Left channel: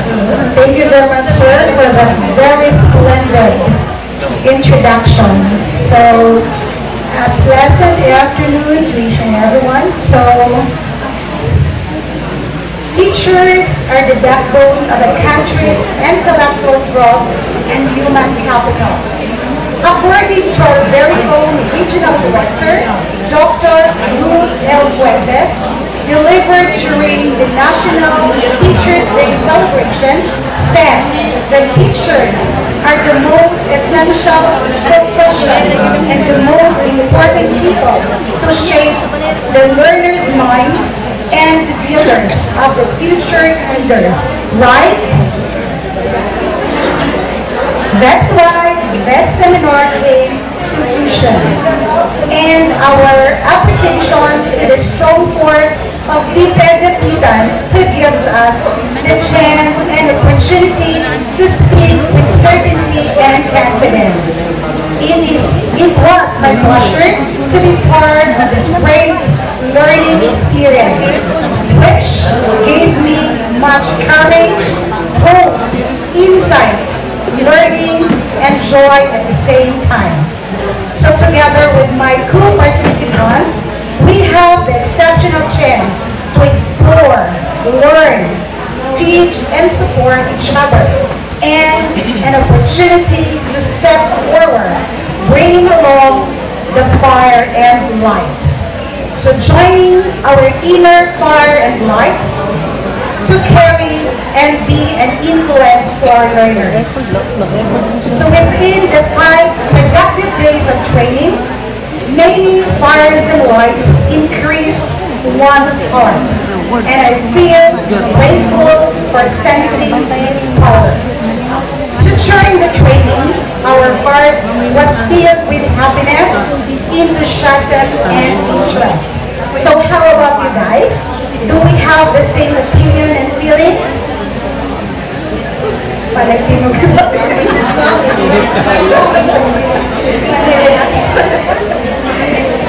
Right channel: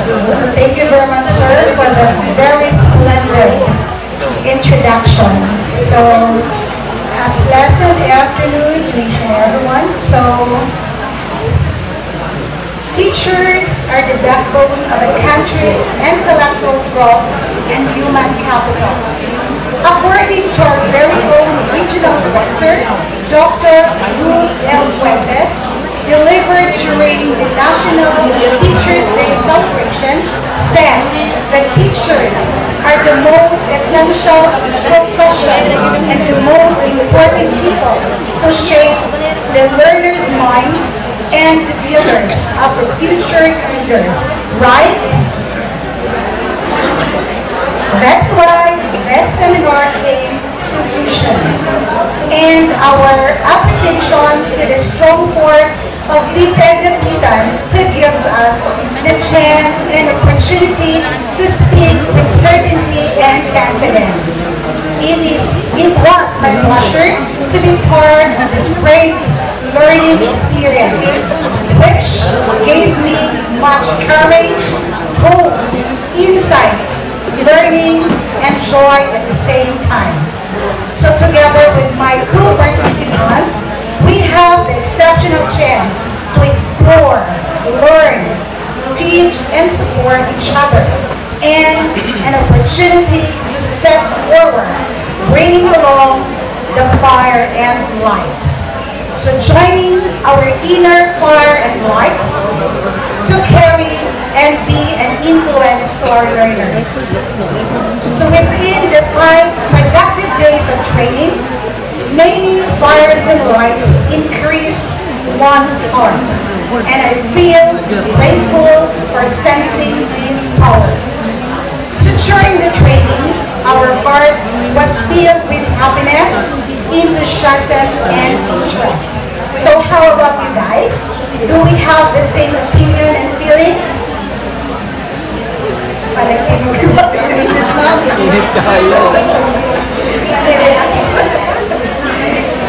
Thank you very much, sir, for the very splendid introduction. So, a pleasant afternoon to each and everyone. So, teachers are the backbone of a country's intellectual growth and human capital. According to our very own regional director, Dr. Ruth L. Fuentes, delivered during the National Teachers Day celebration, said that teachers are the most essential profession and the most important people to shape the learners' minds and the builders of the future leaders, right? That's why this seminar came to fruition. And our appreciation to the strong force of Peter Dapitan who gives us the chance and opportunity to speak with certainty and confidence. It was my pleasure to be part of this great learning experience, which gave me much courage, hope, insights, learning, and joy at the same time. So together with my co-participants, we have the exceptional chance to explore, learn, teach, and support each other, and an opportunity to step forward, bringing along the fire and light. So joining our inner fire and light to carry and be an influence to our learners. So within the 5 productive days of training, many fires and lights increased one's heart. And I feel grateful for sensing its power. So during the training, our heart was filled with happiness, enthusiasm, and interest. So how about you guys? Do we have the same opinion and feeling?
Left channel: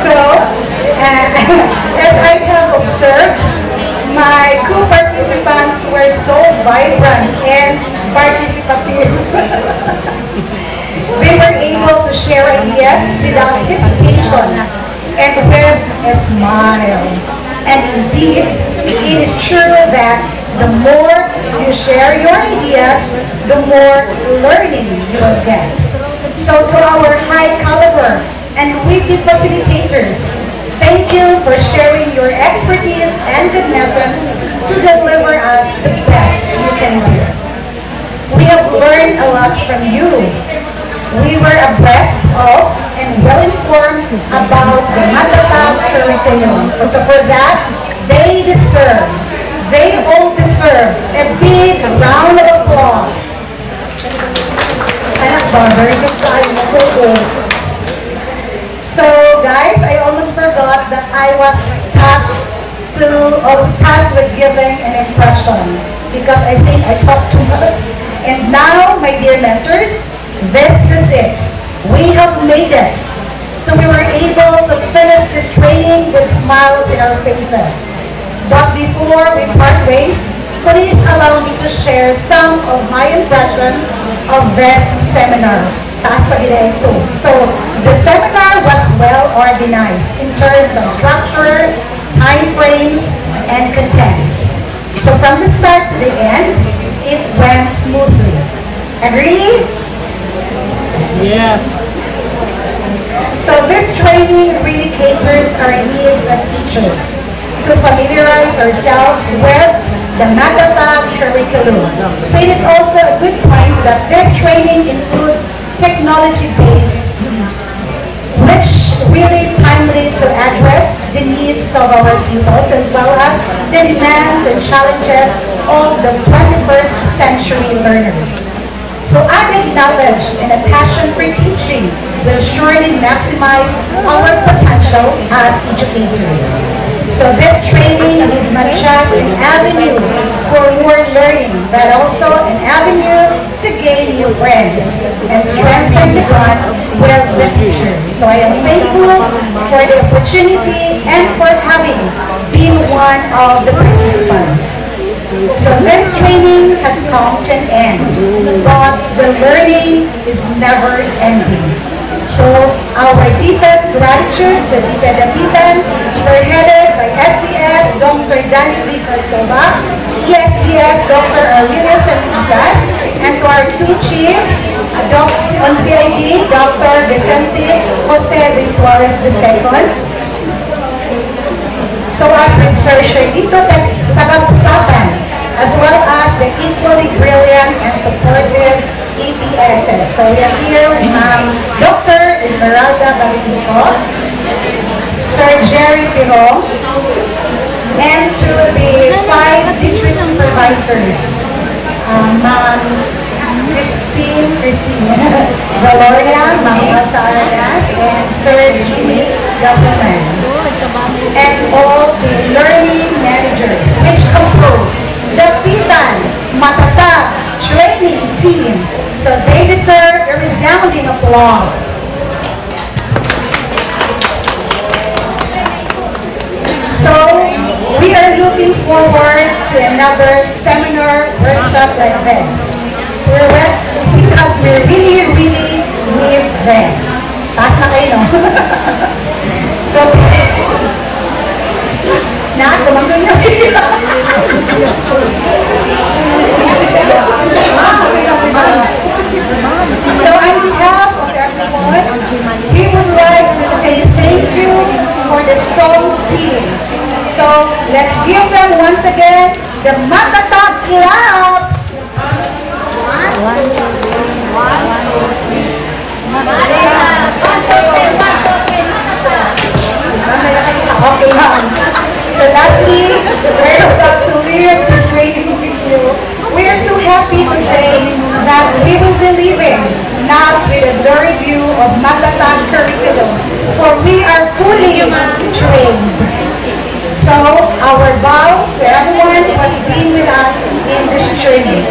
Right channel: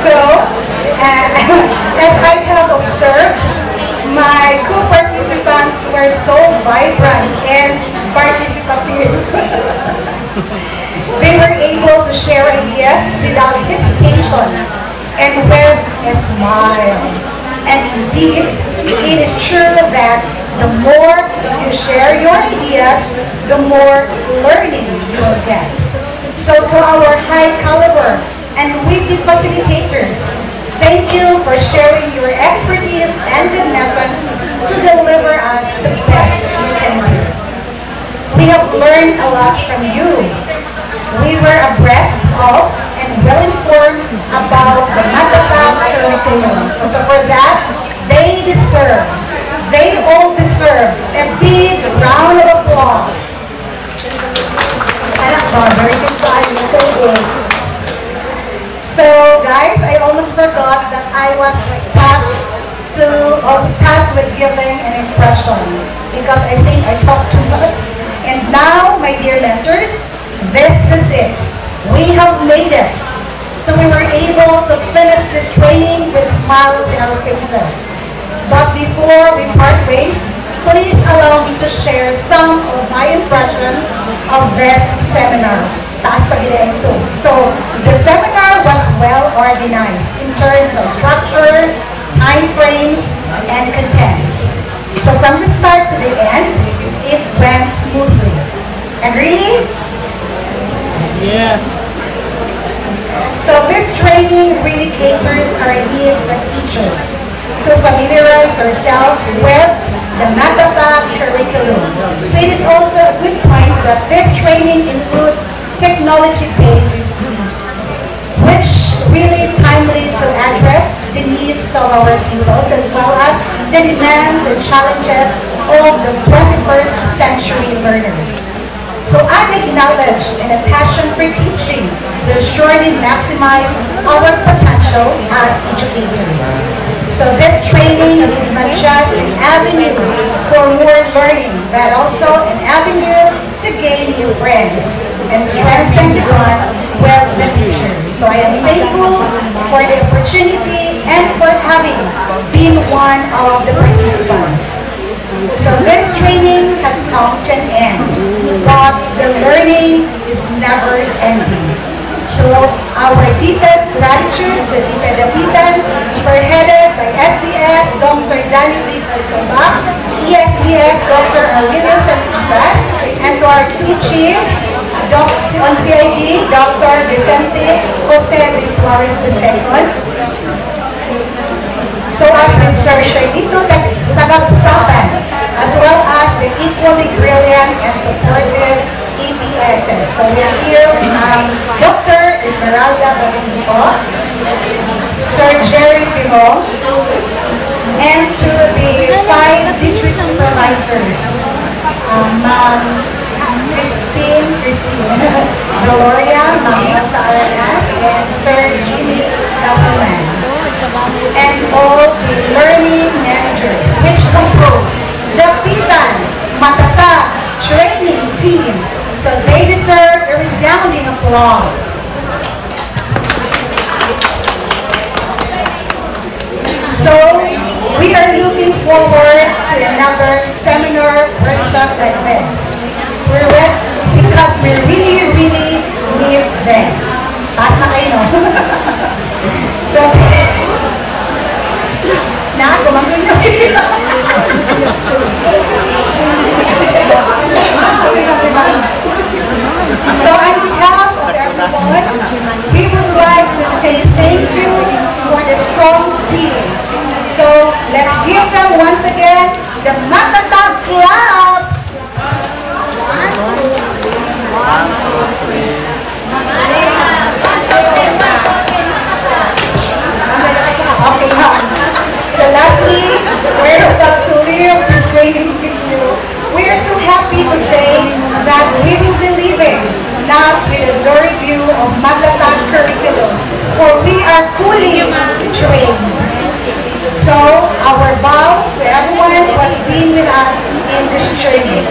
So, as I have observed, my co-participants were so vibrant and participative. They were able to share ideas without hesitation and with a smile. And indeed, it is true that the more you share your ideas, the more learning you will get. So to our high caliber and witty facilitators, thank you for sharing your expertise and good methods to deliver us the best you can do. We have learned a lot from you. We were abreast of and well-informed about the Matatag curriculum. So for that, they all deserve a big round of applause. Very good. So guys, I almost forgot that I was tasked with giving an impression because I think I talked too much. And now, my dear mentors, this is it. We have made it. So we were able to finish this training with smiles in our faces. But before we part ways, please allow me to share some of my impressions of this seminar. So the seminar was well organized in terms of structure, time frames, and contents. So from the start to the end, it went smoothly. Agreed? Yes. So this training really caters our needs as teachers to familiarize ourselves with the Matatag curriculum. So it is also a good point that this training includes technology-based, which really timely to address the needs of our pupils as well as the demands and challenges of the 21st century learners. So added knowledge and a passion for teaching will surely maximize our potential as educators. So this training is not just an avenue for more learning, but also an avenue to gain new friends and strengthen the bond with the teacher. So I am thankful for the opportunity and for having been one of the participants. So this training has come to an end, but the learning is never ending. So our DPED graduates, the DPED Dapitan, spearheaded by SDS, Dr. Danny B. Cartoba, ESDS, Dr. Aurelio Santiago, and to our two chiefs, on CID, Dr. Vicente Jose Victorez II. So as Mr. Sherlito Tagapsapan, as well as the equally brilliant and supportive EPSs. So we are here with Dr. Esmeralda Balinico, Sir Jerry Pino, and to the 5 district supervisors, Ma'am Christine, Gloria, Ma'am Rosarias, and Sir Jimmy Government, and all the learning managers which compose the Pitan Matatag training team. So they deserve a resounding applause. So we are looking forward to another seminar workshop like this. Because we really need this. Taas na kayo, no? So, kumangkin nyo. So on behalf of everyone, we would like to say thank you for the strong team. So let's give them once again the Matatag claps. 1, 2, 3, 1, 2, 3. Okay, so lastly, we're about to leave this training with you. We are so happy to say that we will be leaving not with a blurry view of Matatag curriculum, for we are fully trained. So our vow to everyone who has been with us in this journey.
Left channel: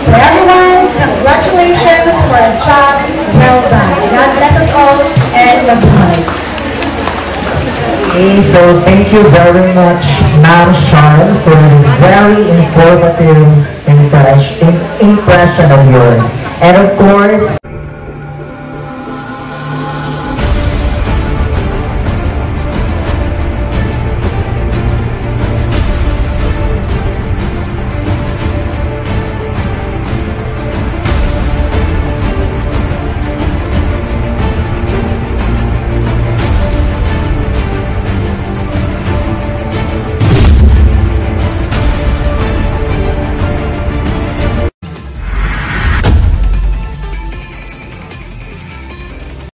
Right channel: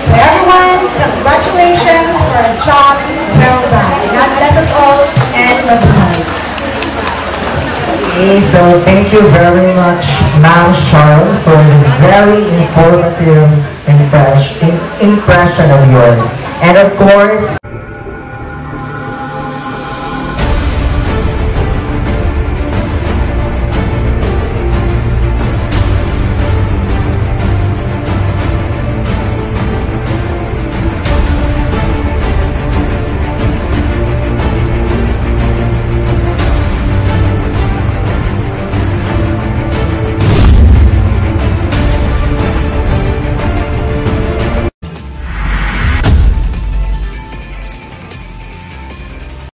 To everyone, congratulations for a job well done. God bless us all and goodbye. Okay, so thank you very much, Ma'am Charles, for the very informative impression of yours. And of course,